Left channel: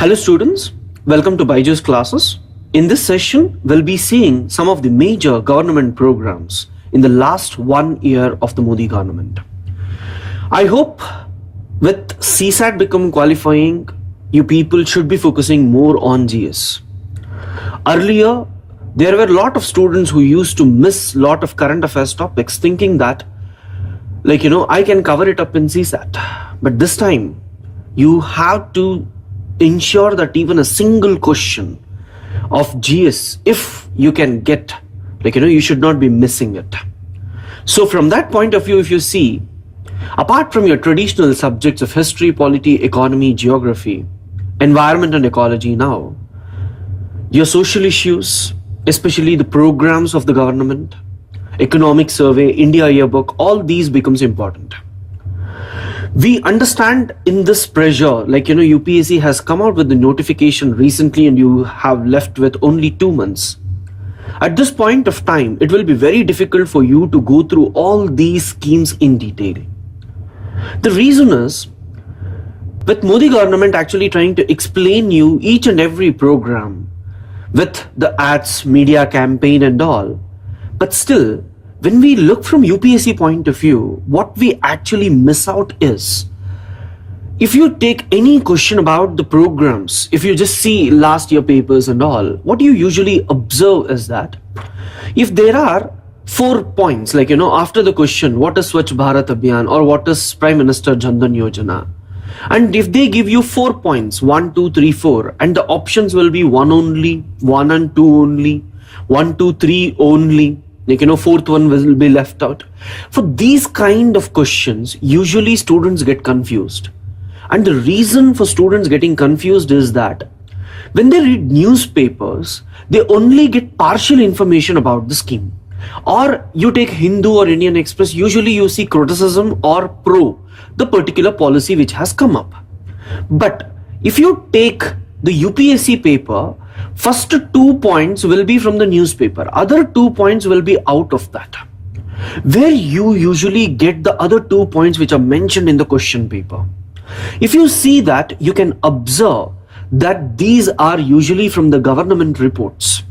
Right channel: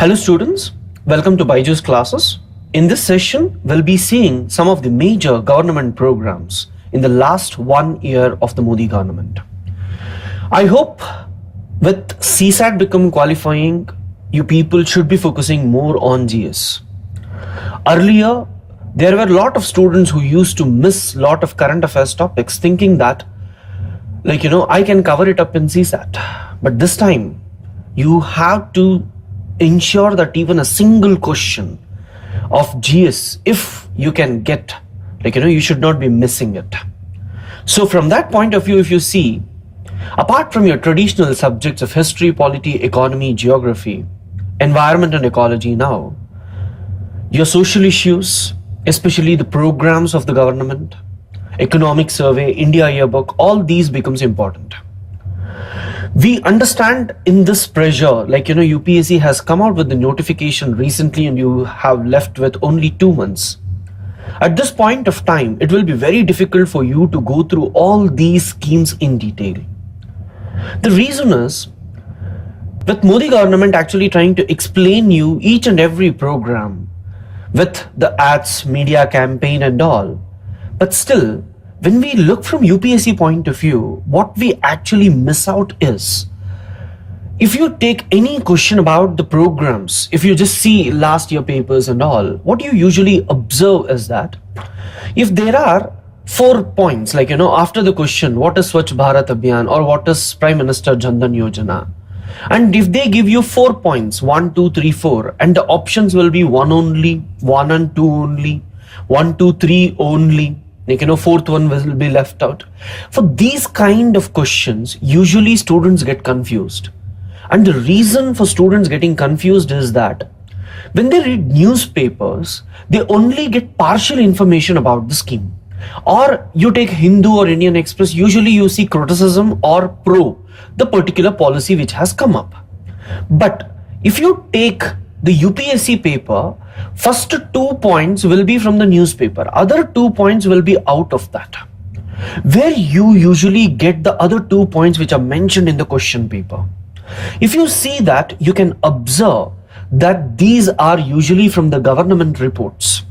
Hello students, welcome to Byju's classes. In this session, we'll be seeing some of the major government programs in the last 1 year of the Modi government. I hope with CSAT become qualifying, you people should be focusing more on GS. Earlier, there were a lot of students who used to miss a lot of current affairs topics thinking that, I can cover it up in CSAT. But this time, you have to ensure that even a single question of GS, if you can get, you should not be missing it. So from that point of view, if you see, apart from your traditional subjects of history, polity, economy, geography, environment and ecology now, your social issues, especially the programs of the government, economic survey, India yearbook, all these becomes important. We understand in this pressure, UPSC has come out with the notification recently and you have left with only 2 months. At this point of time, it will be very difficult for you to go through all these schemes in detail. The reason is, with Modi government actually trying to explain you each and every program with the ads, media campaign and all, but still, when we look from UPSC point of view, what we actually miss out is, if you take any question about the programs, if you just see last year papers and all, what you usually observe is that if there are 4 points, after the question, what is Swachh Bharat Abhiyan or what is Prime Minister Dhan Yojana? And if they give you 4 points, 1, 2, 3, 4, and the options will be 1 only, 1 and 2 only, 1, 2, 3 only, fourth one will be left out. For these kind of questions, usually students get confused. And the reason for students getting confused is that when they read newspapers, they only get partial information about the scheme. Or you take Hindu or Indian Express, usually you see criticism or pro the particular policy which has come up. But if you take the UPSC paper, first 2 points will be from the newspaper. Other 2 points will be out of that. Where you usually get the other 2 points which are mentioned in the question paper. If you see that, you can observe that these are usually from the government reports.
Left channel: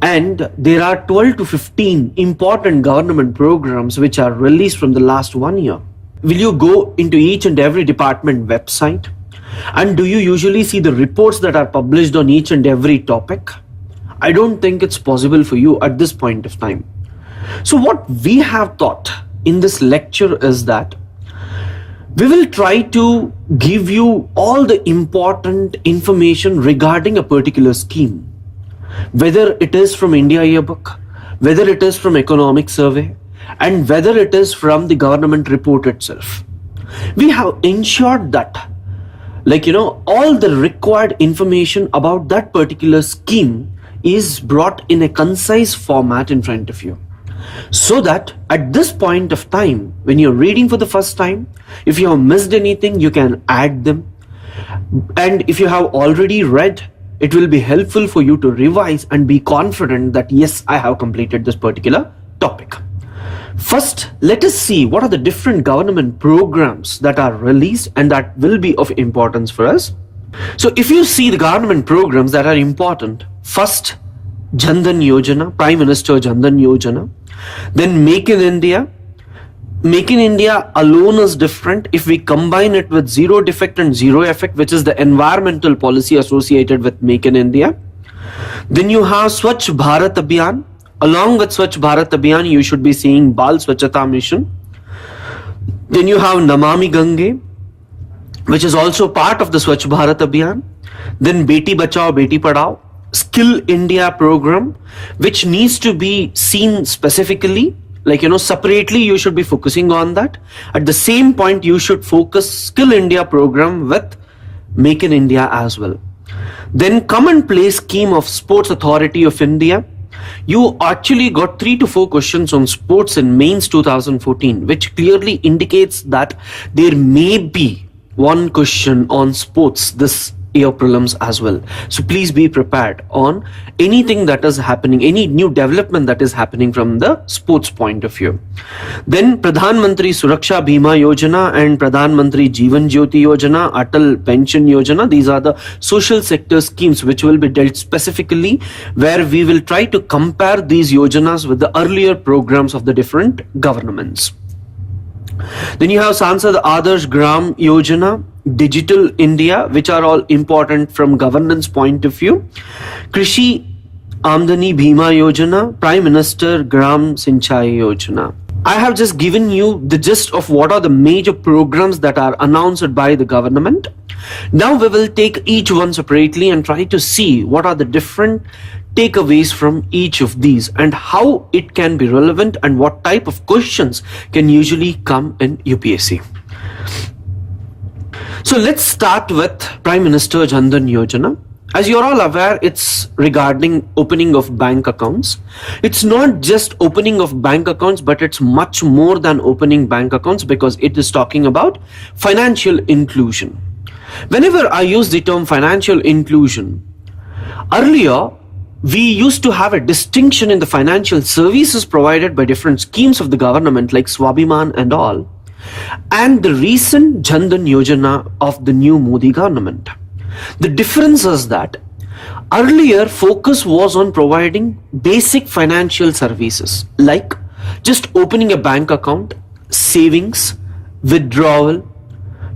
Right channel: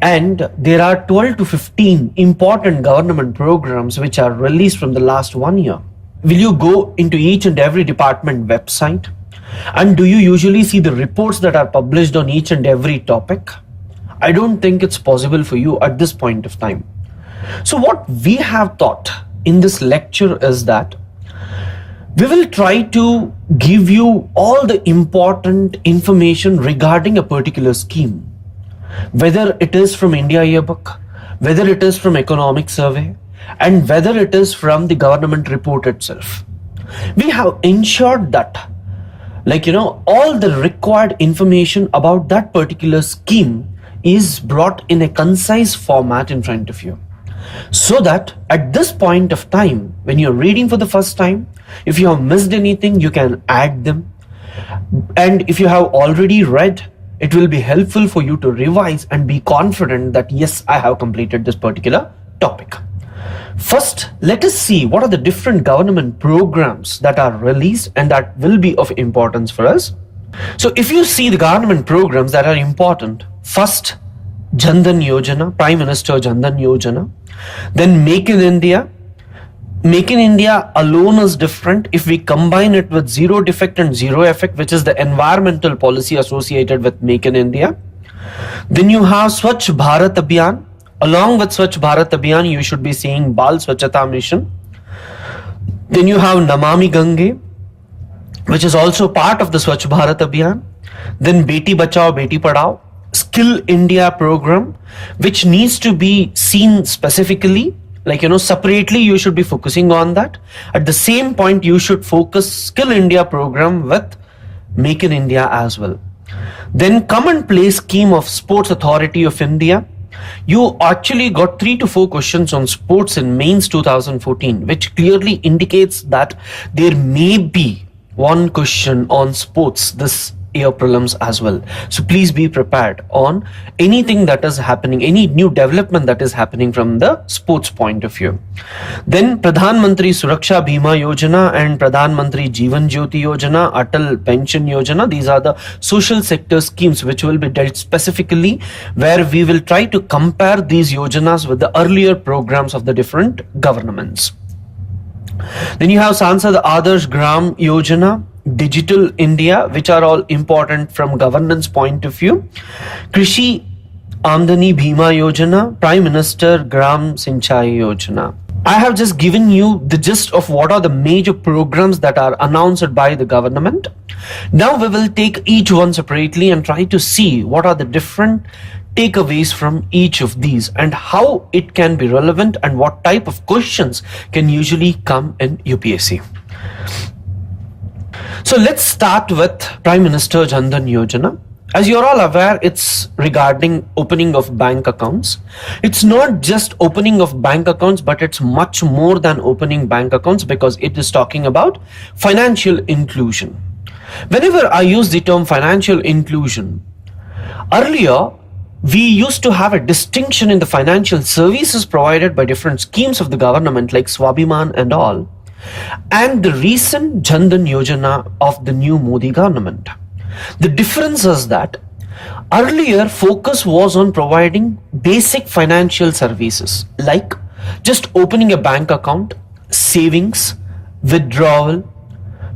And there are 12 to 15 important government programs which are released from the last 1 year. Will you go into each and every department website? And do you usually see the reports that are published on each and every topic? I don't think it's possible for you at this point of time. So what we have thought in this lecture is that we will try to give you all the important information regarding a particular scheme. Whether it is from India yearbook, whether it is from economic survey, and whether it is from the government report itself. We have ensured that all the required information about that particular scheme is brought in a concise format in front of you. So that at this point of time, when you're reading for the first time, if you have missed anything, you can add them. And if you have already read, it will be helpful for you to revise and be confident that yes, I have completed this particular topic. First, let us see what are the different government programs that are released and that will be of importance for us. So if you see the government programs that are important, first, Dhan Yojana, Prime Minister Dhan Yojana, then Make in India. Make in India alone is different if we combine it with zero defect and zero effect, which is the environmental policy associated with Make in India. Then you have Swachh Bharat Abhiyan. Along with Swachh Bharat Abhiyan, you should be seeing Bal Swachhata Mission. Then you have Namami Gange, which is also part of the Swachh Bharat Abhiyan. Then Beti Bachao, Beti Padhao, Skill India program, which needs to be seen specifically, separately you should be focusing on that. At the same point, you should focus Skill India program with Make in India as well. Then Come and Play scheme of Sports Authority of India. You actually got 3 to 4 questions on sports in mains 2014, which clearly indicates that there may be one question on sports this year prelims as well. So please be prepared on anything that is happening, any new development that is happening from the sports point of view. Then Pradhan Mantri Suraksha Bima Yojana and Pradhan Mantri Jeevan Jyoti Yojana, Atal Pension Yojana. These are the social sector schemes which will be dealt specifically, where we will try to compare these yojanas with the earlier programs of the different governments. Then you have Sansad Adarsh Gram Yojana, Digital India, which are all important from governance point of view. Krishi Amdani Bima Yojana, Prime Minister Gram Sinchai Yojana. I have just given you the gist of what are the major programs that are announced by the government. Now we will take each one separately and try to see what are the different takeaways from each of these and how it can be relevant and what type of questions can usually come in UPSC. So let's start with Prime Minister Jan Dhan Yojana. As you're all aware, it's regarding opening of bank accounts. It's not just opening of bank accounts, but it's much more than opening bank accounts, because it is talking about financial inclusion. Whenever I use the term financial inclusion, earlier we used to have a distinction in the financial services provided by different schemes of the government like Swabhiman and all, and the recent Jan Dhan Yojana of the new Modi government. The difference is that earlier focus was on providing basic financial services like just opening a bank account, savings, withdrawal,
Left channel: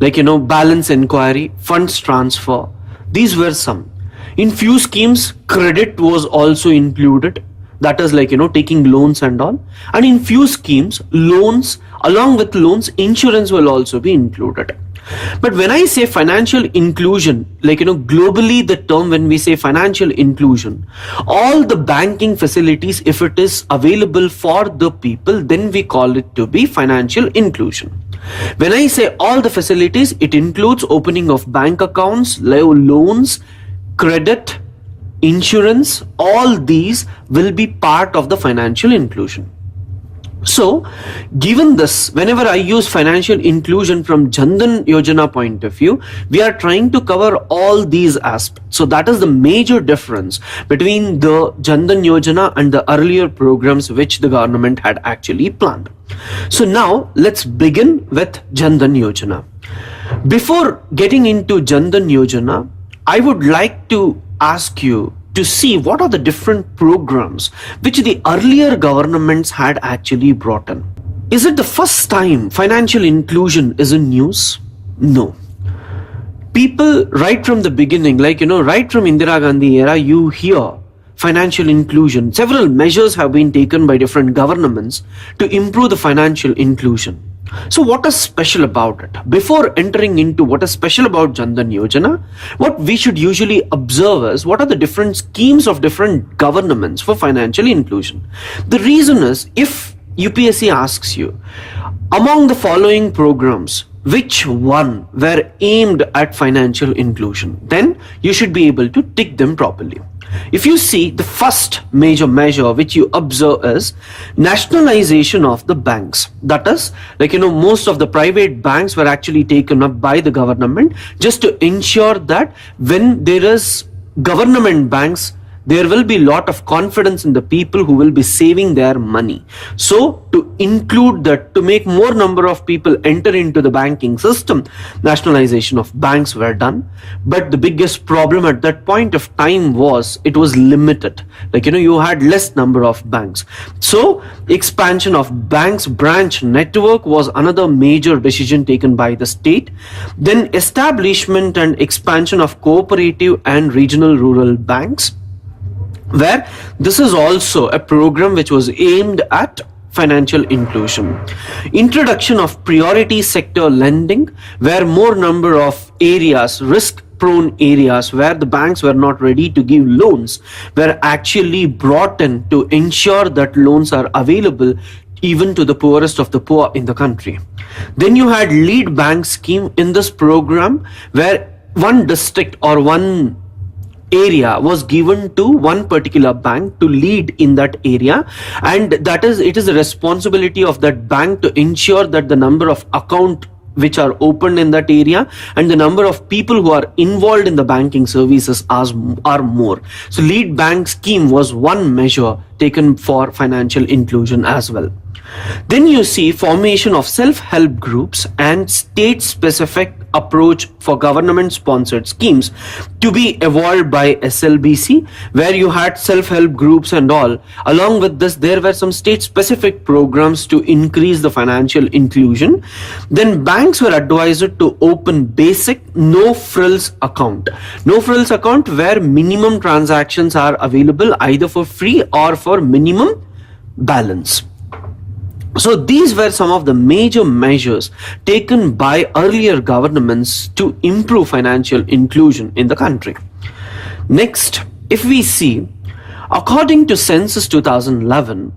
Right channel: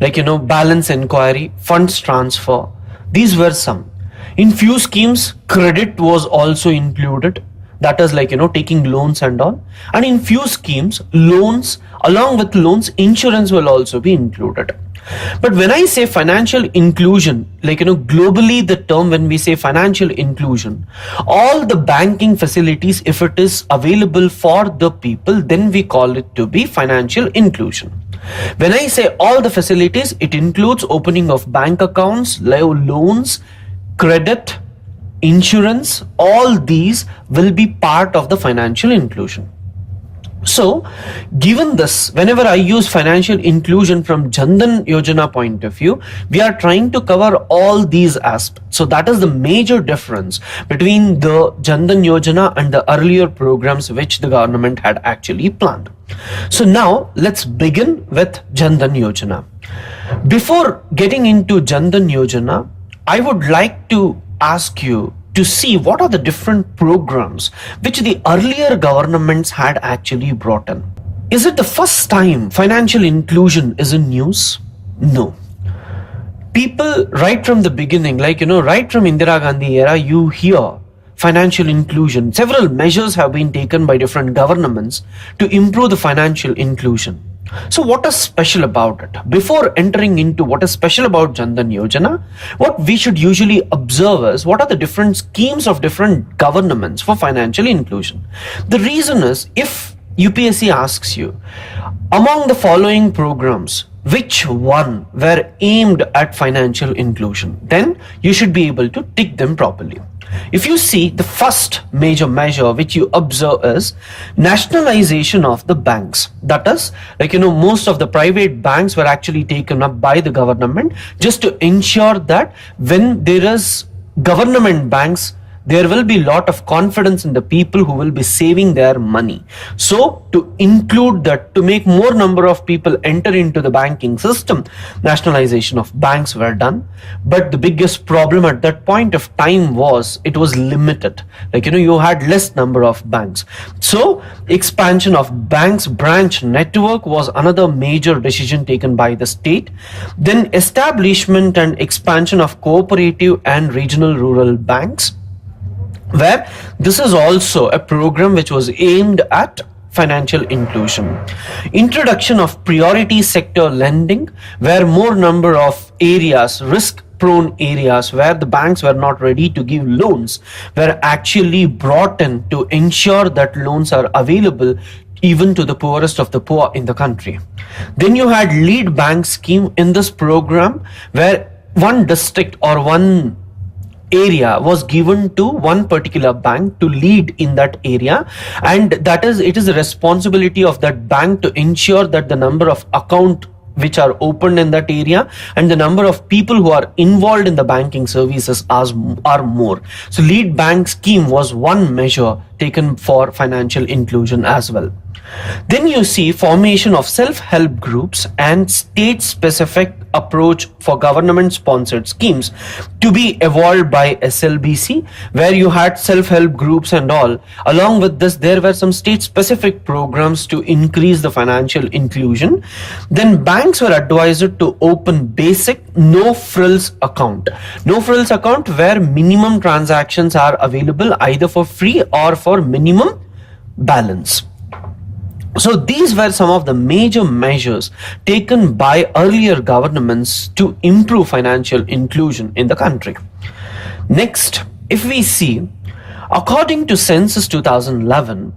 like balance inquiry, funds transfer. These were some. In few schemes, credit was also included. That is like taking loans and all. And in few schemes, loans, along with loans, insurance will also be included. But when I say financial inclusion, like globally the term, when we say financial inclusion, all the banking facilities, if it is available for the people, then we call it to be financial inclusion. When I say all the facilities, it includes opening of bank accounts, loans, credit, insurance. All these will be part of the financial inclusion. So, given this, whenever I use financial inclusion from Jan Dhan Yojana point of view, we are trying to cover all these aspects. So that is the major difference between the Jan Dhan Yojana and the earlier programs which the government had actually planned. So now let's begin with Jan Dhan Yojana. Before getting into Jan Dhan Yojana, I would like to ask you to see what are the different programs which the earlier governments had actually brought in. Is it the first time financial inclusion is in news? No. People right from the beginning, like, right from Indira Gandhi era, you hear financial inclusion. Several measures have been taken by different governments to improve the financial inclusion. So what is special about it? Before entering into what is special about Jan Dhan Yojana, what we should usually observe is what are the different schemes of different governments for financial inclusion. The reason is, if UPSC asks you, among the following programs, which one were aimed at financial inclusion, then you should be able to tick them properly. If you see, the first major measure which you observe is nationalization of the banks. That is, like, most of the private banks were actually taken up by the government just to ensure that when there is government banks, there will be a lot of confidence in the people who will be saving their money. So to include that, to make more number of people enter into the banking system, nationalization of banks were done. But the biggest problem at that point of time was it was limited. Like, you had less number of banks. So expansion of banks branch network was another major decision taken by the state. Then establishment and expansion of cooperative and regional rural banks, where this is also a program which was aimed at financial inclusion. Introduction of priority sector lending, where more number of areas, risk-prone areas where the banks were not ready to give loans, were actually brought in to ensure that loans are available even to the poorest of the poor in the country. Then you had lead bank scheme in this program, where one district or one area was given to one particular bank to lead in that area, and it is the responsibility of that bank to ensure that the number of account which are opened in that area, and the number of people who are involved in the banking services are more. So lead bank scheme was one measure taken for financial inclusion as well. Then you see formation of self-help groups and state-specific approach for government-sponsored schemes to be evolved by SLBC, where you had self-help groups and all. Along with this, there were some state-specific programs to increase the financial inclusion. Then banks were advised to open basic no-frills account. No-frills account where minimum transactions are available either for free or for minimum balance. So these were some of the major measures taken by earlier governments to improve financial inclusion in the country. Next, if we see, according to Census 2011,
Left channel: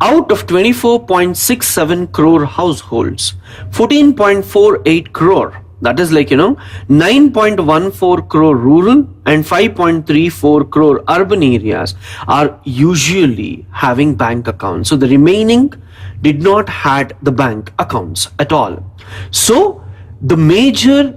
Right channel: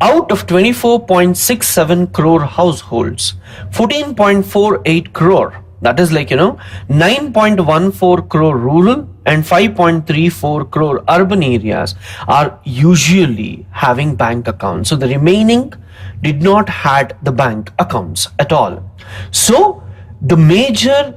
out of 24.67 crore households, 14.48 crore, that is 9.14 crore rural and 5.34 crore urban areas are usually having bank accounts. So the remaining did not had the bank accounts at all. So the major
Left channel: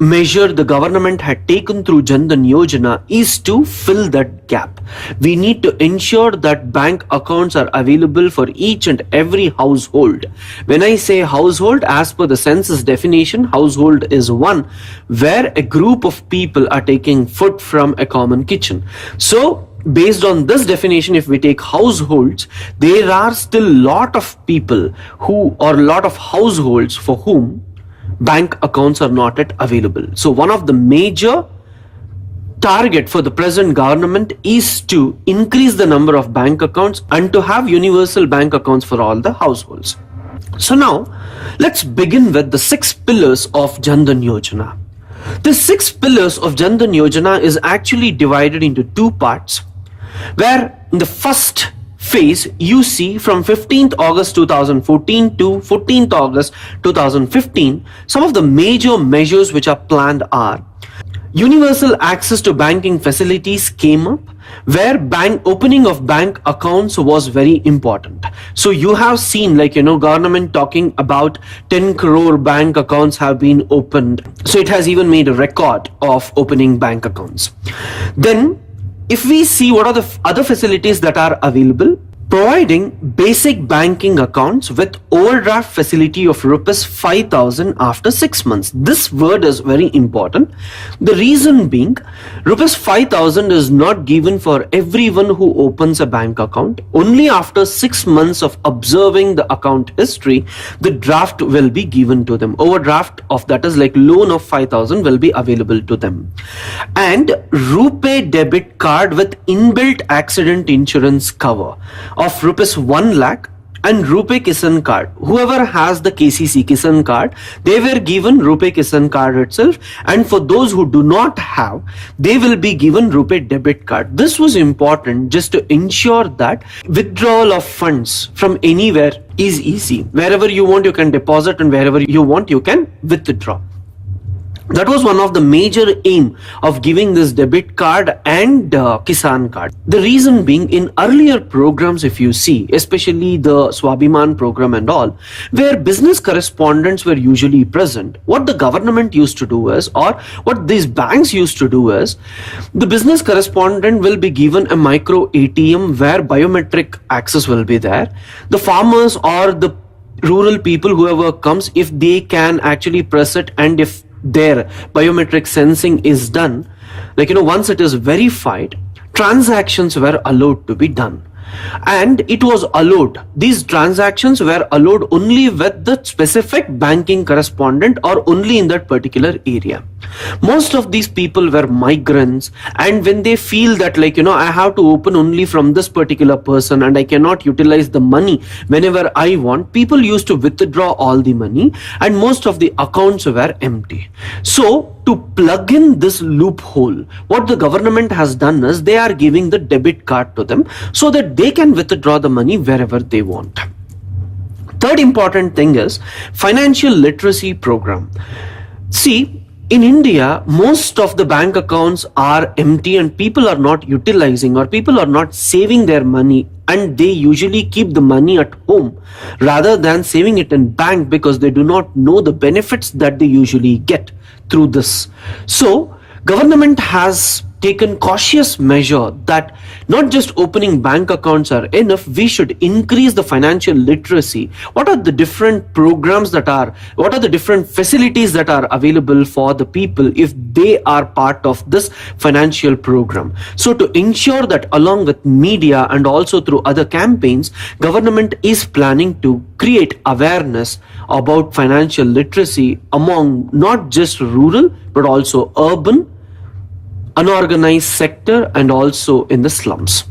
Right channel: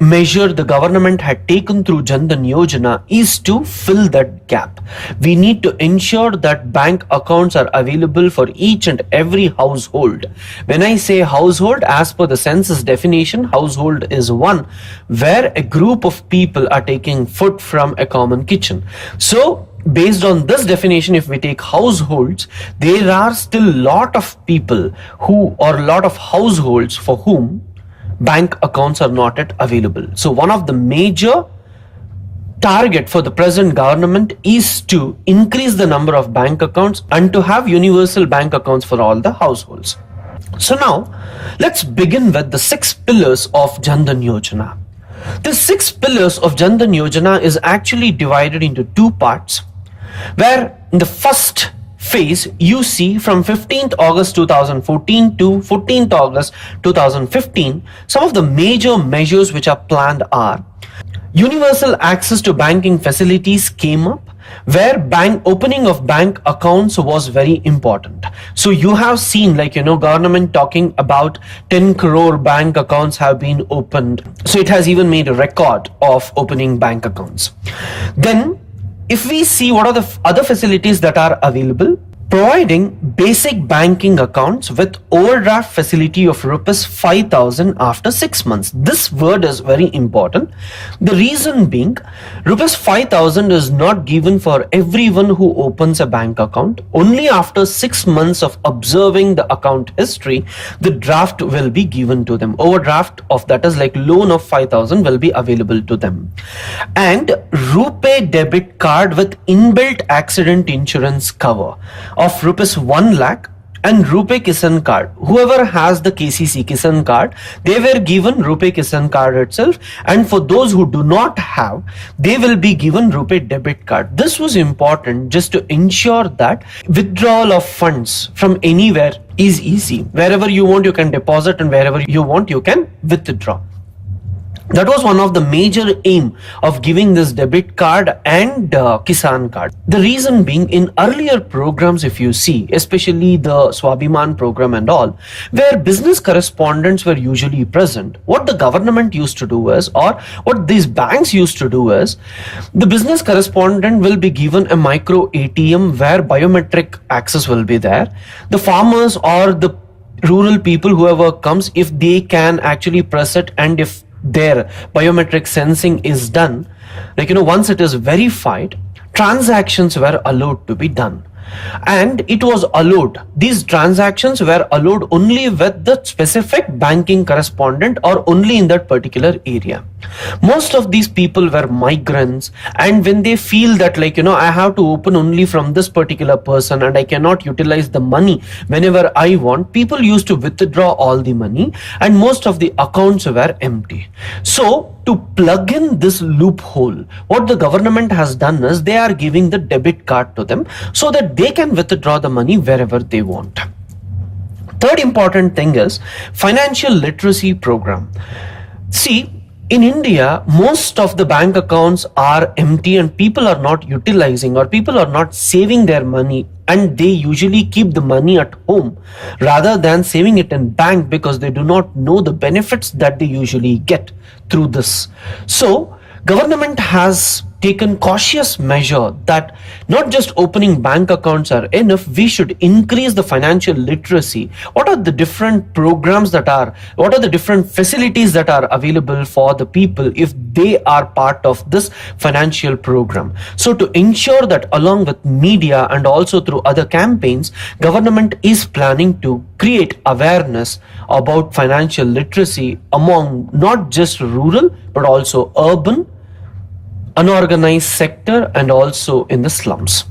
measure the government had taken through Jan Dhan Yojana is to fill that gap. We need to ensure that bank accounts are available for each and every household. When I say household, as per the census definition, household is one where a group of people are taking food from a common kitchen. So based on this definition, if we take households, there are still lot of people lot of households for whom bank accounts are not yet available. So one of the major target for the present government is to increase the number of bank accounts and to have universal bank accounts for all the households. So now let's begin with the 6 pillars of Jan Dhan Yojana. The 6 pillars of Jan Dhan Yojana is actually divided into 2 parts, where in the first phase you see from 15th August 2014 to 14th August 2015, some of the major measures which are planned are universal access to banking facilities came up, where opening of bank accounts was very important. So you have seen government talking about 10 crore bank accounts have been opened. So it has even made a record of opening bank accounts. Then if we see what are the other facilities that are available, providing basic banking accounts with overdraft facility of rupees 5,000 after 6 months. This word is very important. The reason being, rupees 5,000 is not given for everyone who opens a bank account. Only after 6 months of observing the account history, the draft will be given to them. Overdraft of that is loan of 5,000 will be available to them. And RuPay debit card with inbuilt accident insurance cover of rupees 1 lakh and RuPay Kisan card. Whoever has the KCC Kisan card, they were given RuPay Kisan card itself, and for those who do not have, they will be given RuPay debit card. This was important just to ensure that withdrawal of funds from anywhere is easy. Wherever you want, you can deposit, and wherever you want, you can withdraw. That was one of the major aim of giving this debit card and Kisan card. The reason being, in earlier programs, if you see, especially the Swabhiman program and all, where business correspondents were usually present, what the government used to do is, or what these banks used to do is, the business correspondent will be given a micro ATM where biometric access will be there. The farmers or the rural people, whoever comes, if they can actually press it, and if their biometric sensing is done, once it is verified, transactions were allowed to be done. And it was allowed, these transactions were allowed only with the specific banking correspondent or only in that particular area. Most of these people were migrants, and when they feel that I have to open only from this particular person and I cannot utilize the money whenever I want, people used to withdraw all the money and most of the accounts were empty. So to plug in this loophole, what the government has done is they are giving the debit card to them so that they can withdraw the money wherever they want. Third important thing is financial literacy program. See, In India, most of the bank accounts are empty and people are not utilizing or people are not saving their money, and they usually keep the money at home rather than saving it in bank because they do not know the benefits that they usually get through this. So government has taken cautious measure that not just opening bank accounts are enough, we should increase the financial literacy. What are the different programs what are the different facilities that are available for the people if they are part of this financial program? So to ensure that along with media and also through other campaigns, government is planning to create awareness about financial literacy among not just rural but also urban, unorganized sector and also in the slums.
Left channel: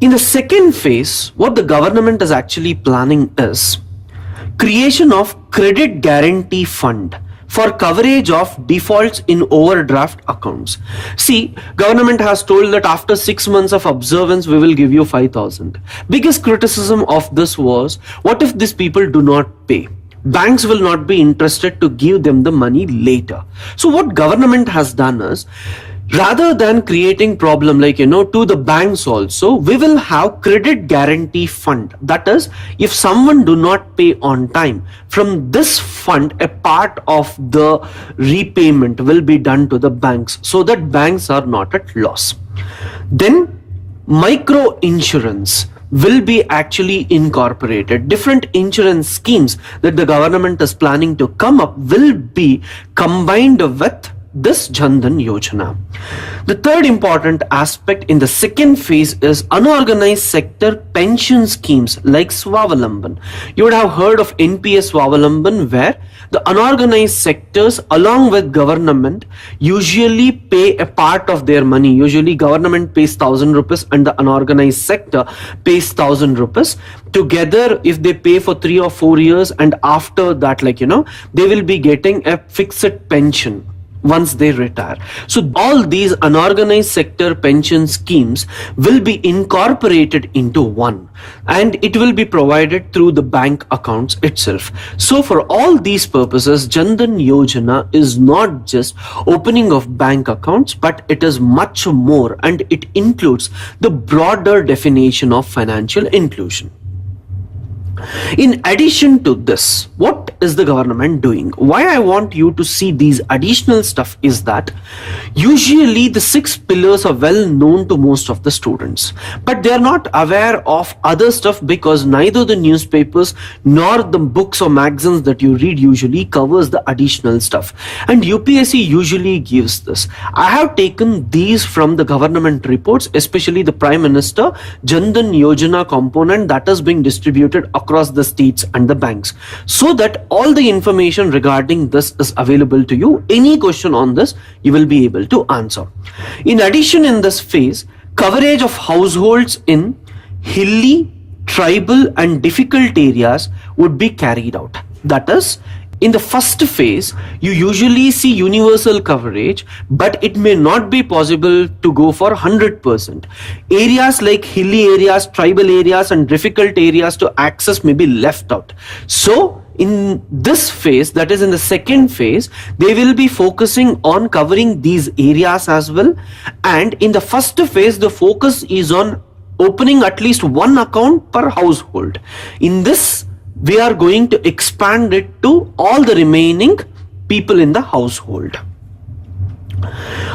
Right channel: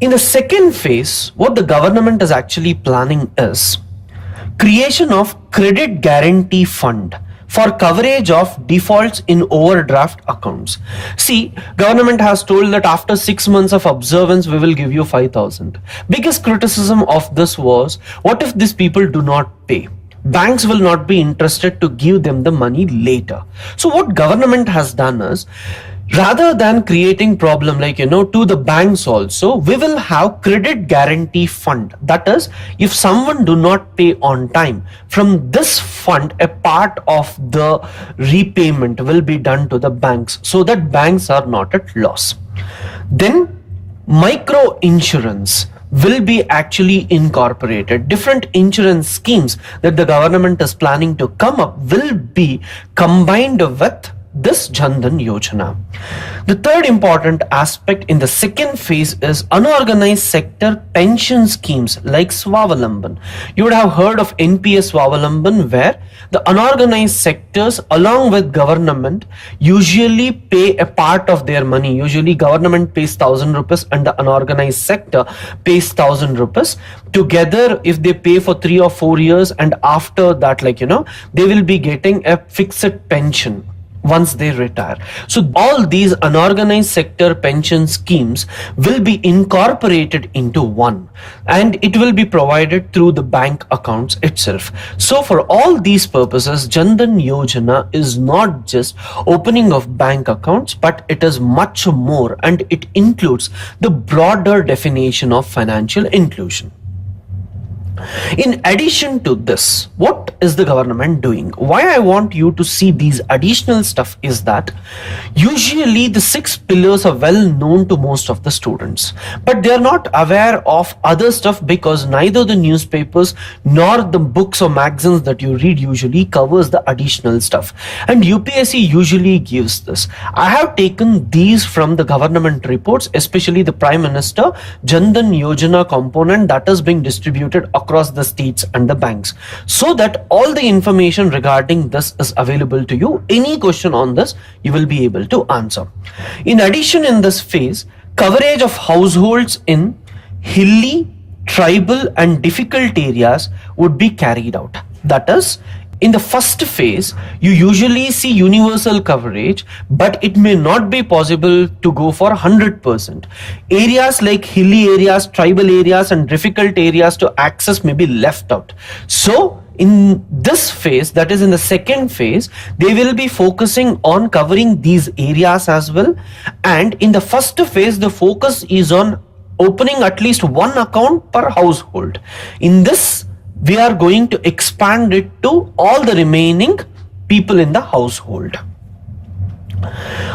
In the second phase, what the government is actually planning is creation of credit guarantee fund for coverage of defaults in overdraft accounts. See, government has told that after 6 months of observance, we will give you 5,000. Biggest criticism of this was, what if these people do not pay? Banks will not be interested to give them the money later. So what government has done is, rather than creating problem to the banks also, we will have credit guarantee fund. That is, if someone do not pay on time, from this fund, a part of the repayment will be done to the banks so that banks are not at loss. Then micro insurance will be actually incorporated. Different insurance schemes that the government is planning to come up will be combined with this Dhan Yojana. The third important aspect in the second phase is unorganized sector pension schemes like Swavalamban. You would have heard of NPS Swavalamban, where the unorganized sectors along with government usually pay a part of their money. Usually government pays 1,000 rupees and the unorganized sector pays 1,000 rupees. Together, if they pay for 3 or 4 years, and after that, they will be getting a fixed pension once they retire. So all these unorganized sector pension schemes will be incorporated into one, and it will be provided through the bank accounts itself. So for all these purposes, Dhan Yojana is not just opening of bank accounts, but it is much more, and it includes the broader definition of financial inclusion. In addition to this, what is the government doing? Why I want you to see these additional stuff is that usually the 6 pillars are well known to most of the students, but they are not aware of other stuff because neither the newspapers nor the books or magazines that you read usually covers the additional stuff, and UPSC usually gives this. I have taken these from the government reports, especially the Prime Minister Dhan Yojana component that is being distributed across the states and the banks, so that all the information regarding this is available to you. Any question on this, you will be able to answer. In addition, in this phase, coverage of households in hilly, tribal and difficult areas would be carried out. That is, in the first phase, you usually see universal coverage, but it may not be possible to go for 100%. Areas like hilly areas, tribal areas and difficult areas to access may be left out. So in this phase, that is in the second phase, they will be focusing on covering these areas as well. And in the first phase, the focus is on opening at least one account per household. In this, we are going to expand it to all the remaining people in the household.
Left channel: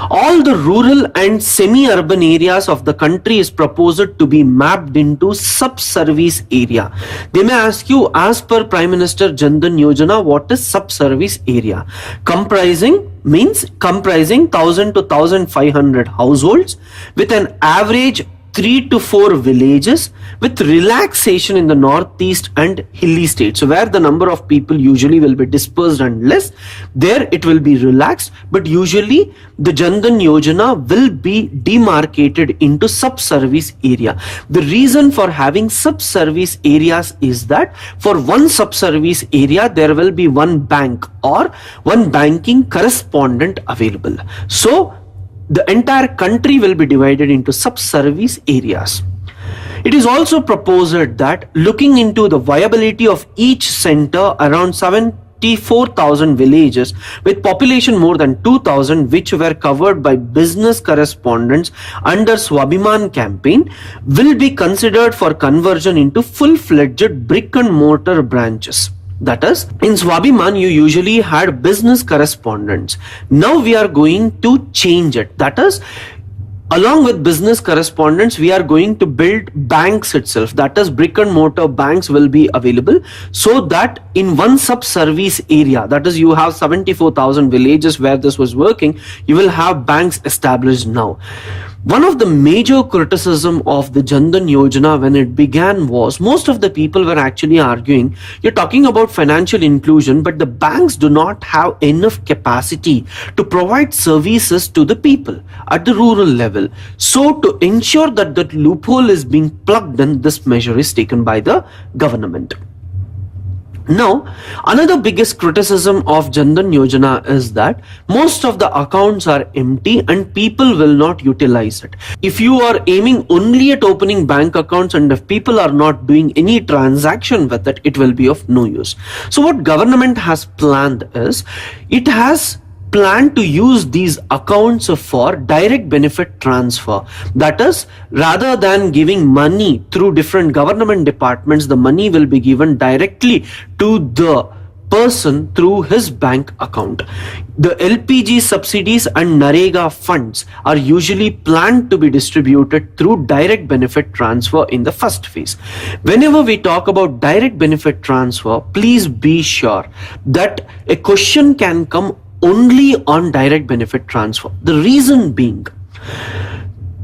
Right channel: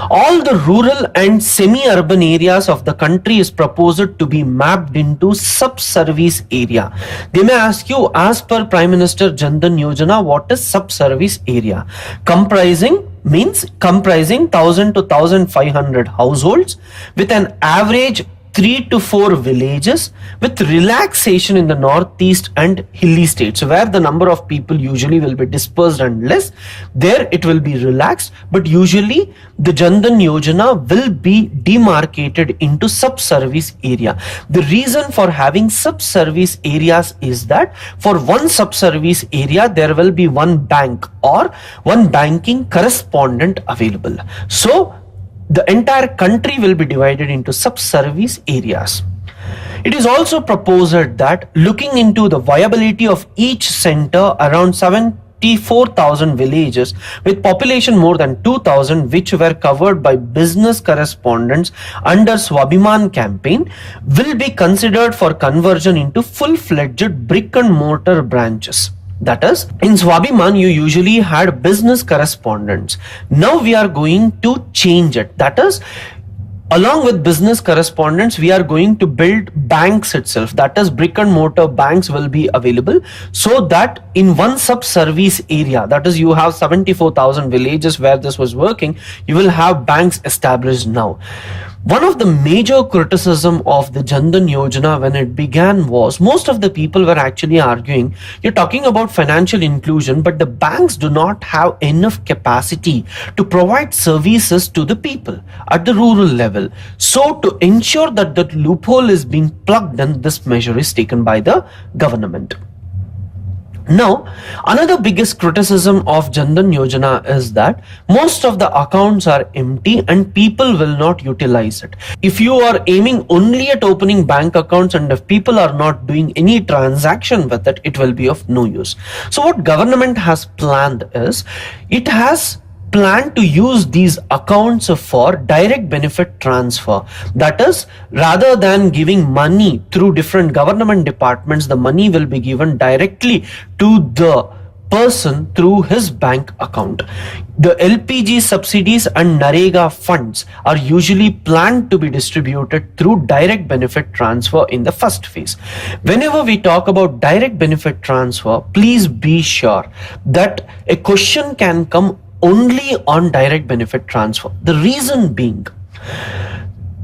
All the rural and semi-urban areas of the country is proposed to be mapped into sub-service area. They may ask you, as per Prime Minister Dhan Yojana, what is sub-service area? Comprising 1,000 to 1,500 households with an average 3 to 4 villages, with relaxation in the northeast and hilly states. So where the number of people usually will be dispersed and less, there it will be relaxed, but usually the Dhan Yojana will be demarcated into sub-service area. The reason for having sub-service areas is that for one sub-service area, there will be one bank or one banking correspondent available. So the entire country will be divided into sub-service areas. It is also proposed that looking into the viability of each center, around 7 44,000 villages with population more than 2,000 which were covered by business correspondents under Swabhiman campaign will be considered for conversion into full-fledged brick and mortar branches. That is, in Swabhiman, you usually had business correspondents. Now we are going to change it. That is, along with business correspondents, we are going to build banks itself. That is, brick and mortar banks will be available so that in one sub-service area, that is, you have 74,000 villages where this was working, you will have banks established now. One of the major criticism of the Jan Dhan Yojana when it began was most of the people were actually arguing, you're talking about financial inclusion, but the banks do not have enough capacity to provide services to the people at the rural level. So to ensure that that loophole is being plugged in, this measure is taken by the government. Now, another biggest criticism of Jan Dhan Yojana is that most of the accounts are empty and people will not utilize it. If you are aiming only at opening bank accounts and if people are not doing any transaction with it, it will be of no use. So what government has planned is, it has planned to use these accounts for direct benefit transfer. That is, rather than giving money through different government departments, the money will be given directly to the person through his bank account. The LPG subsidies and Narega funds are usually planned to be distributed through direct benefit transfer in the first phase. Whenever we talk about direct benefit transfer, please be sure that a question can come only on direct benefit transfer. The reason being,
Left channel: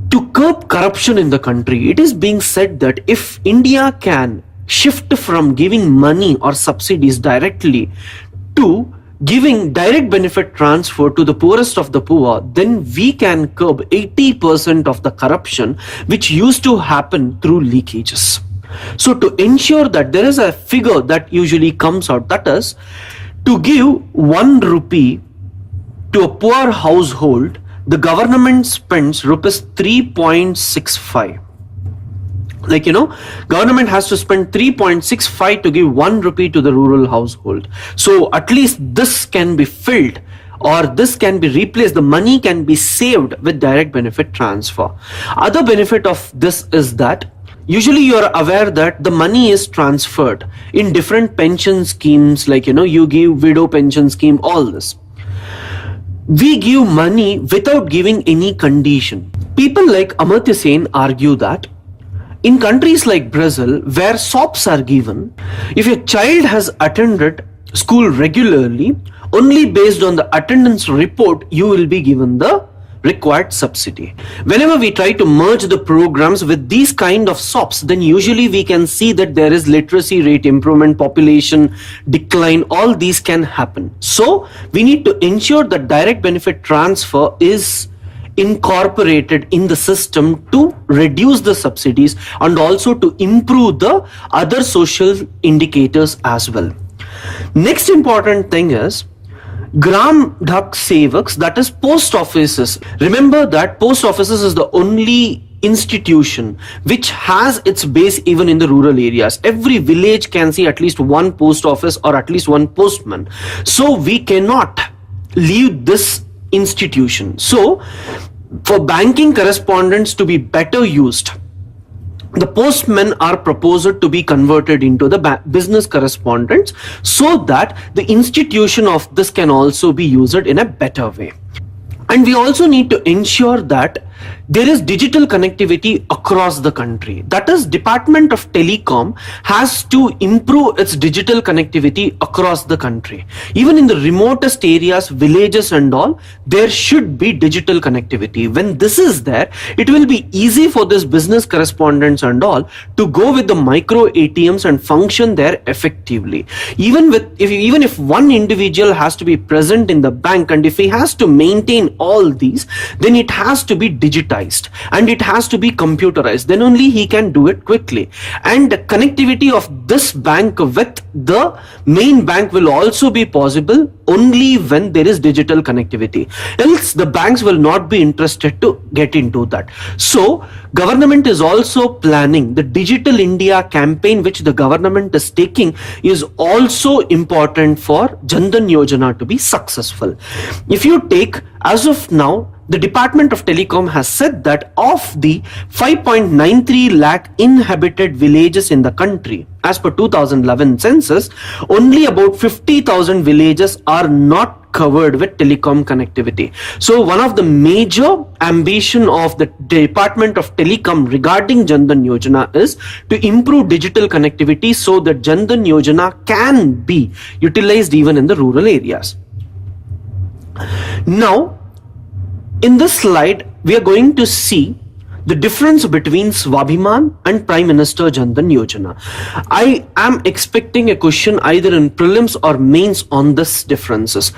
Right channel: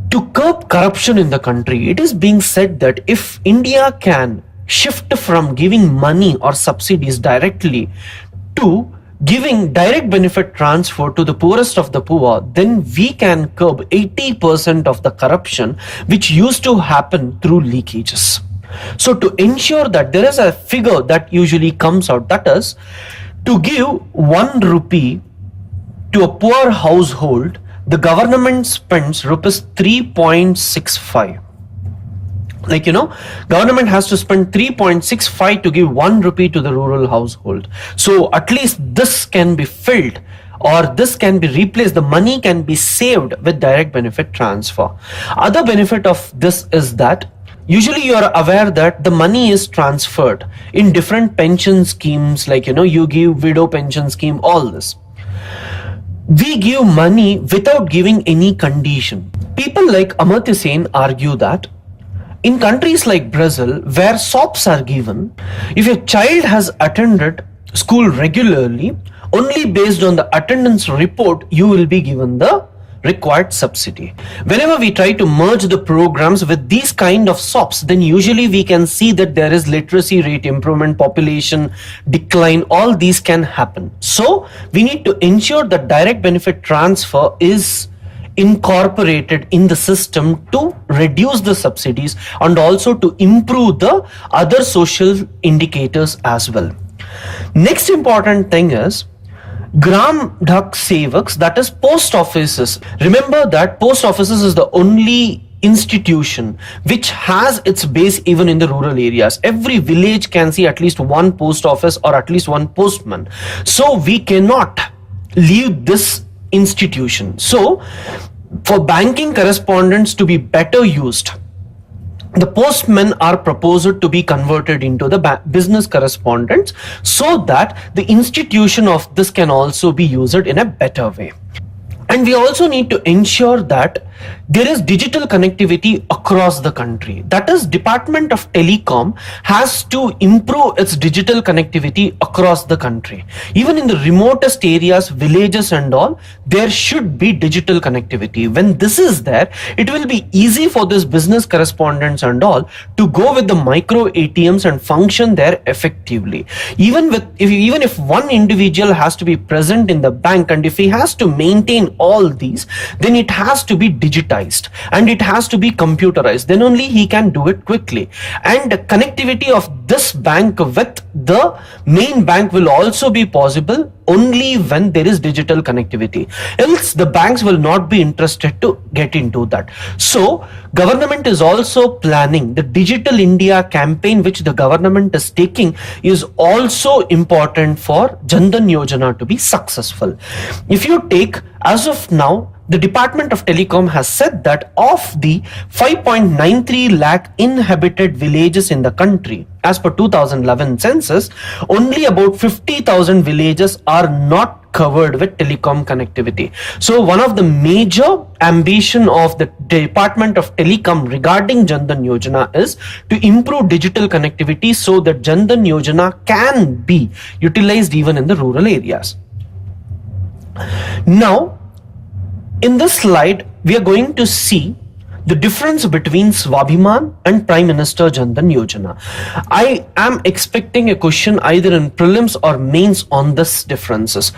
to curb corruption in the country, it is being said that if India can shift from giving money or subsidies directly to giving direct benefit transfer to the poorest of the poor, then we can curb 80% of the corruption which used to happen through leakages. So to ensure that there is a figure that usually comes out, that is, to give 1 rupee to a poor household, the government spends rupees 3.65. Like, government has to spend 3.65 to give 1 rupee to the rural household. So at least this can be filled or this can be replaced. The money can be saved with direct benefit transfer. Other benefit of this is that usually you are aware that the money is transferred in different pension schemes, like, you give widow pension scheme, all this. We give money without giving any condition. People like Amartya Sen argue that in countries like Brazil, where SOPs are given, if your child has attended school regularly, only based on the attendance report, you will be given the required subsidy. Whenever we try to merge the programs with these kind of SOPs, then usually we can see that there is literacy rate improvement, population decline, all these can happen. So we need to ensure that direct benefit transfer is incorporated in the system to reduce the subsidies and also to improve the other social indicators as well. Next important thing is Gram Dhak Sevaks, that is post offices. Remember that post offices is the only institution which has its base even in the rural areas. Every village can see at least one post office or at least one postman. So we cannot leave this institution. So for banking correspondents to be better used, the postmen are proposed to be converted into the business correspondents so that the institution of this can also be used in a better way. And we also need to ensure that there is digital connectivity across the country. That is, Department of Telecom has to improve its digital connectivity across the country. Even in the remotest areas, villages and all, there should be digital connectivity. When this is there, it will be easy for this business correspondents and all to go with the micro ATMs and function there effectively. Even if one individual has to be present in the bank and if he has to maintain all these, then it has to be digitized and it has to be computerized. Then only he can do it quickly. And the connectivity of this bank with the main bank will also be possible only when there is digital connectivity. Else the banks will not be interested to get into that. So government is also planning the Digital India campaign, which the government is taking, is also important for Jan Dhan Yojana to be successful. If you take, as of now, the Department of Telecom has said that of the 5.93 lakh inhabited villages in the country, as per 2011 census, only about 50,000 villages are not covered with telecom connectivity. So one of the major ambition of the Department of Telecom regarding Jan Dhan Yojana is to improve digital connectivity so that Jan Dhan Yojana can be utilized even in the rural areas. Now, in this slide, we are going to see the difference between Swabhiman and Prime Minister Jan Dhan Yojana. I am expecting a question either in prelims or mains on this differences.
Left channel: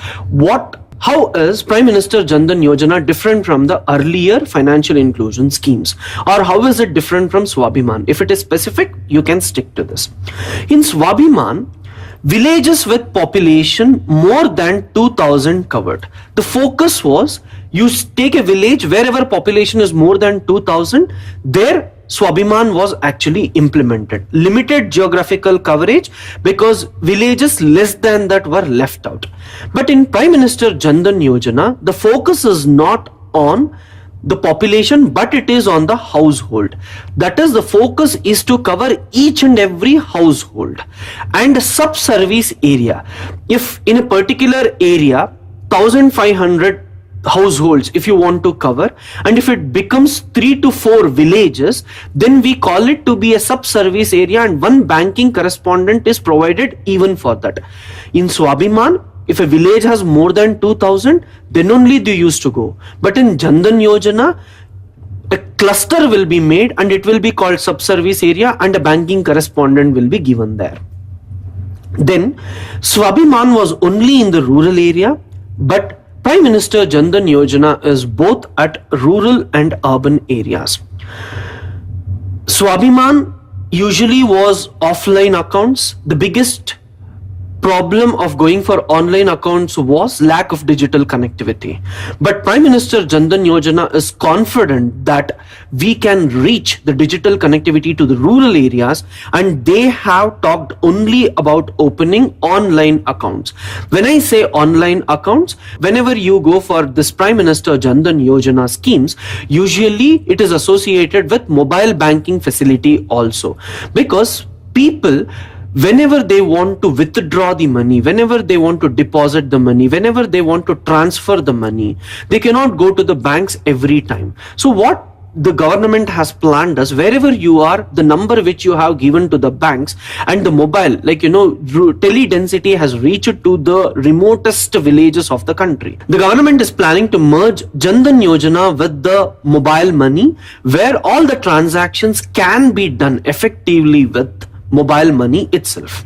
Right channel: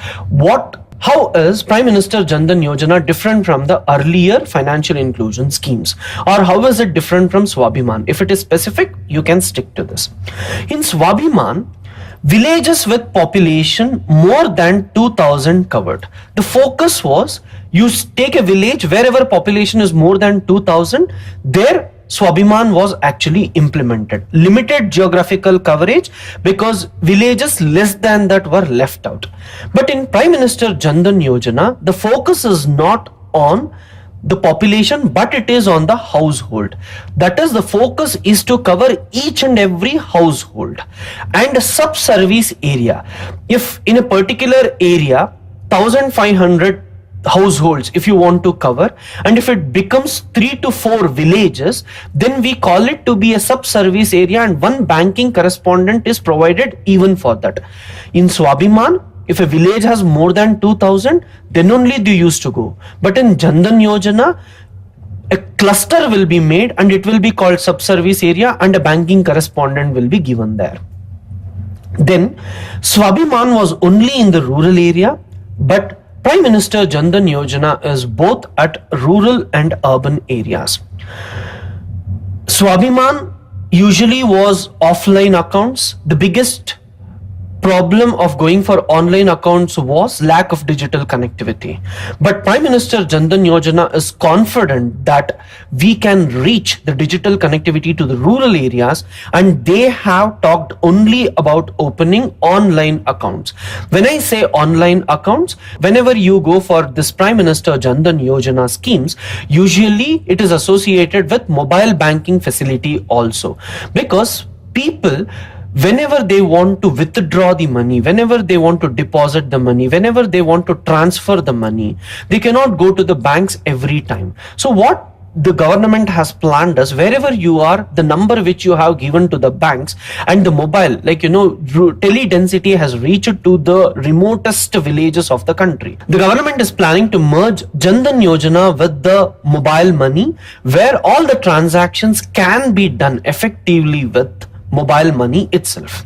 How is Prime Minister Jan Dhan Yojana different from the earlier financial inclusion schemes? Or how is it different from Swabhiman? If it is specific, you can stick to this. In Swabhiman, villages with population more than 2,000 covered. The focus was, you take a village wherever population is more than 2,000, there Swabhiman was actually implemented. Limited geographical coverage because villages less than that were left out. But in Prime Minister Jan Dhan Yojana, the focus is not on the population, but it is on the household. That is, the focus is to cover each and every household and a sub-service area. If in a particular area, 1,500 households if you want to cover, and if it becomes 3 to 4 villages, then we call it to be a sub-service area and one banking correspondent is provided even for that. In Swabhiman, if a village has more than 2,000, then only they used to go. But in Jan Dhan Yojana, a cluster will be made and it will be called sub-service area and a banking correspondent will be given there. Then Swabhiman was only in the rural area, but Prime Minister Jan Dhan Yojana is both at rural and urban areas. Swabhiman usually was offline accounts. The biggest problem of going for online accounts was lack of digital connectivity. But Prime Minister Jan Dhan Yojana is confident that we can reach the digital connectivity to the rural areas, and they have talked only about opening online accounts. When I say online accounts, whenever you go for this Prime Minister Jan Dhan Yojana schemes, usually it is associated with mobile banking facility also, because people, whenever they want to withdraw the money, whenever they want to deposit the money, whenever they want to transfer the money, they cannot go to the banks every time. So what the government has planned is, wherever you are, the number which you have given to the banks and the mobile, like tele density has reached to the remotest villages of the country. The government is planning to merge Jan Dhan Yojana with the mobile money, where all the transactions can be done effectively with mobile money itself.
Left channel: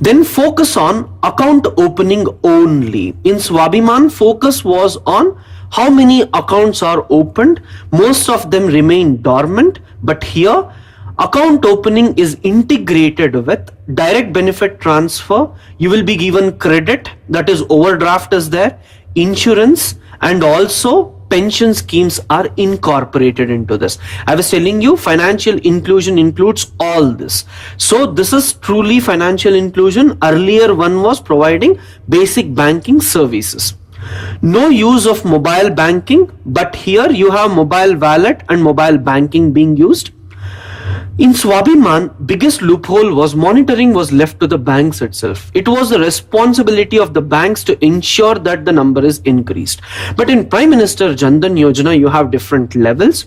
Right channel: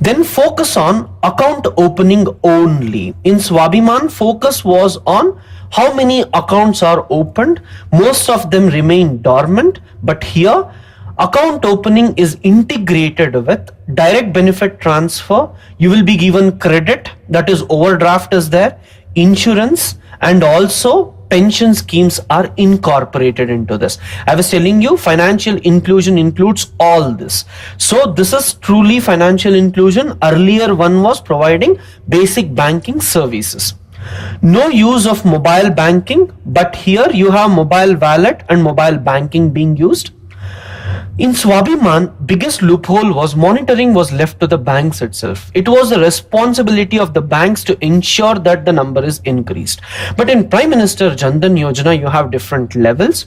Then focus on account opening only. In Swabhiman, focus was on how many accounts are opened. Most of them remain dormant, but here account opening is integrated with direct benefit transfer. You will be given credit, that is overdraft is there, insurance, and also pension schemes are incorporated into this. I was telling you, financial inclusion includes all this. So this is truly financial inclusion. Earlier one was providing basic banking services. No use of mobile banking, but here you have mobile wallet and mobile banking being used. In Swabhiman, biggest loophole was monitoring was left to the banks itself. It was the responsibility of the banks to ensure that the number is increased. But in Prime Minister Jan Dhan Yojana, you have different levels.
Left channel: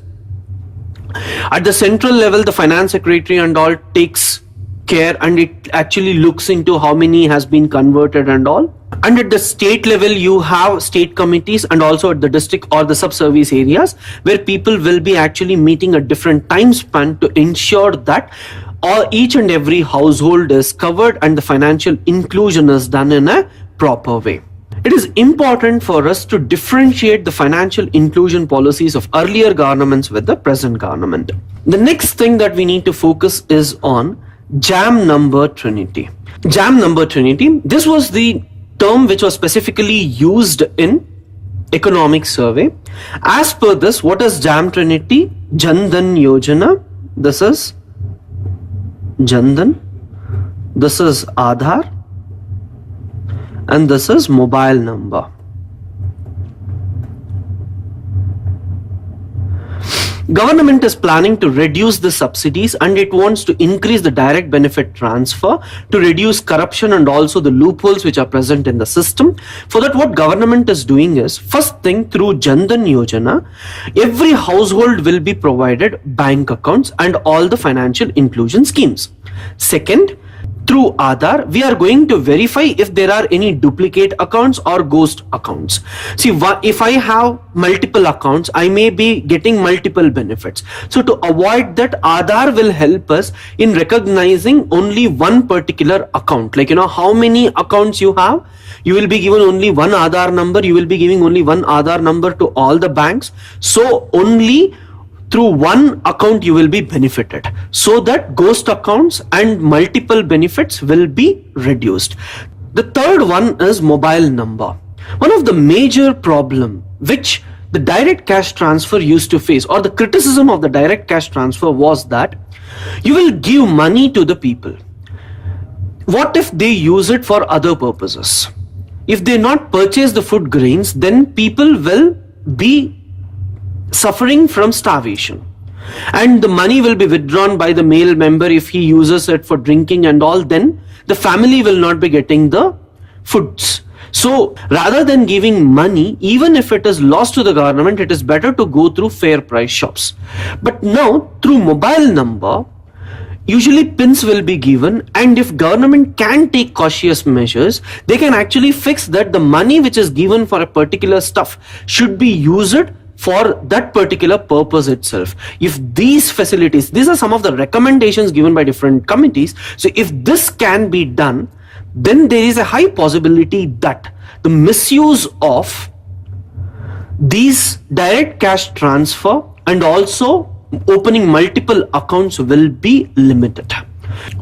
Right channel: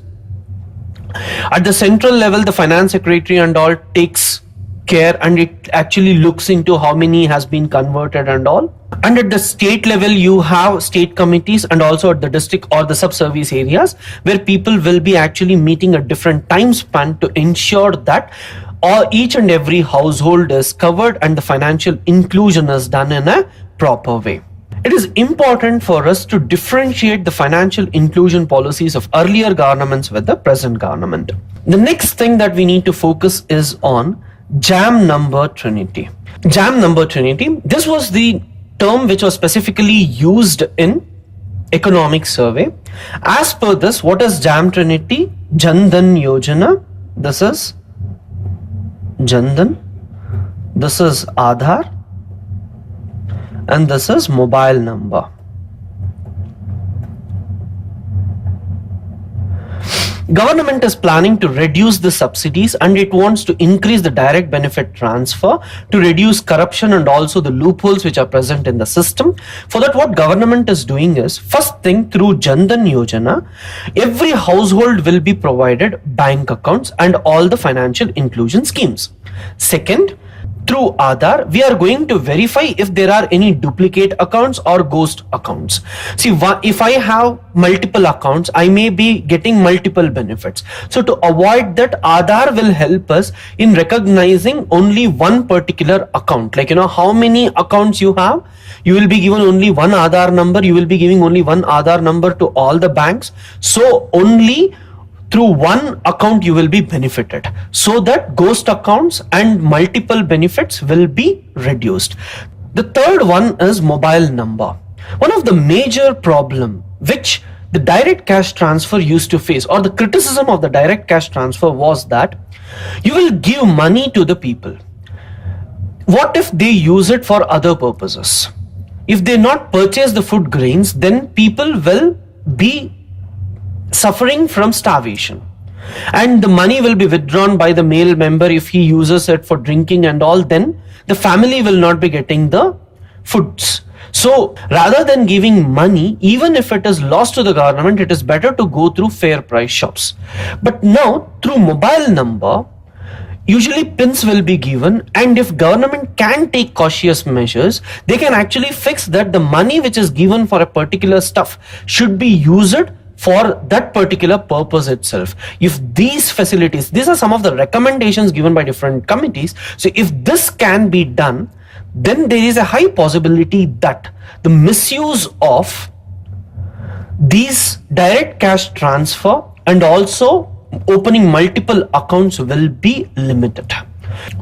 At the central level, the finance secretary and all takes care, and it actually looks into how many has been converted and all. And at the state level, you have state committees, and also at the district or the sub-service areas, where people will be actually meeting at different time span to ensure that each and every household is covered and the financial inclusion is done in a proper way. it is important for us to differentiate the financial inclusion policies of earlier governments with the present government. The next thing that we need to focus is on JAM number Trinity. JAM number Trinity, this was the term which was specifically used in economic survey. As per this, what is JAM Trinity? Jan Dhan Yojana. This is Jan Dhan. This is Aadhaar. And this is mobile number. Government is planning to reduce the subsidies and it wants to increase the direct benefit transfer to reduce corruption and also the loopholes which are present in the system. For that, what government is doing is, first thing, through Jan Dhan Yojana, every household will be provided bank accounts and all the financial inclusion schemes. Second, through Aadhaar, we are going to verify if there are any duplicate accounts or ghost accounts. See, if I have multiple accounts, I may be getting multiple benefits. So to avoid that, Aadhaar will help us in recognizing only one particular account. Like, how many accounts you have, you will be given only one Aadhaar number. You will be giving only one Aadhaar number to all the banks. So only through one account you will be benefited, so that ghost accounts and multiple benefits will be reduced. The third one is mobile number. One of the major problem which the direct cash transfer used to face, or the criticism of the direct cash transfer, was that you will give money to the people. What if they use it for other purposes? If they not purchase the food grains, then people will be suffering from starvation, and the money will be withdrawn by the male member. If he uses it for drinking and all, then the family will not be getting the foods. So rather than giving money, even if it is lost to the government, it is better to go through fair price shops. But now through mobile number, usually pins will be given, and if government can take cautious measures, they can actually fix that the money which is given for a particular stuff should be used for that particular purpose itself. If these facilities, these are some of the recommendations given by different committees. So if this can be done, then there is a high possibility that the misuse of these direct cash transfer and also opening multiple accounts will be limited.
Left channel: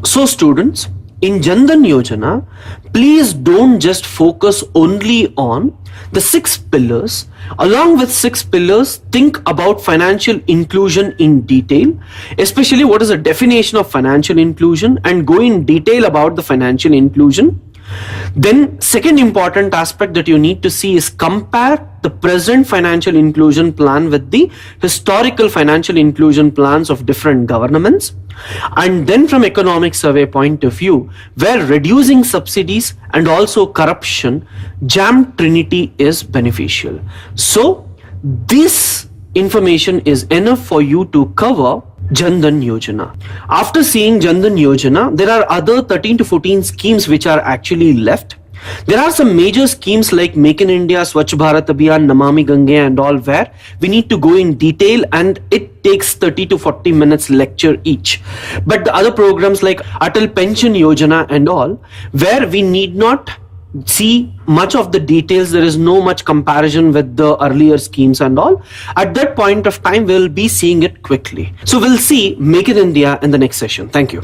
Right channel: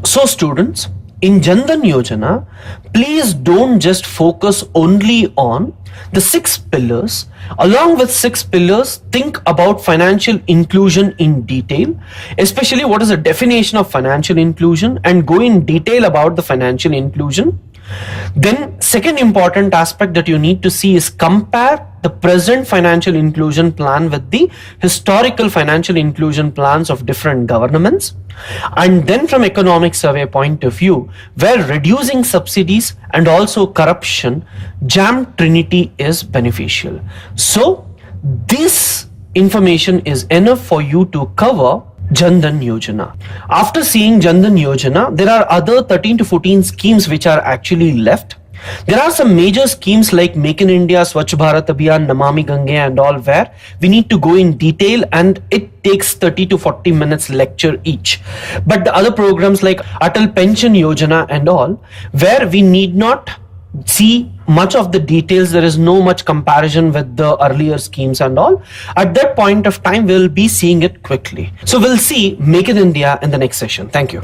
So students, in Jan Dhan Yojana, please don't just focus only on the 6 pillars. Along with 6 pillars, think about financial inclusion in detail, especially what is the definition of financial inclusion, and go in detail about the financial inclusion. Then second important aspect that you need to see is compare the present financial inclusion plan with the historical financial inclusion plans of different governments. And then from economic survey point of view, where reducing subsidies and also corruption, JAM Trinity is beneficial. So this information is enough for you to cover Jan Dhan Yojana. After seeing Jan Dhan Yojana, there are other 13 to 14 schemes which are actually left. There are some major schemes like Make in India, Swachh Bharat Abhiyan, Namami Gange and all, where we need to go in detail and it takes 30 to 40 minutes lecture each. But the other programs like Atal Pension Yojana and all, where we need not see much of the details, there is no much comparison with the earlier schemes and all. At that point of time, we'll be seeing it quickly. So we'll see Make in India in the next session. Thank you.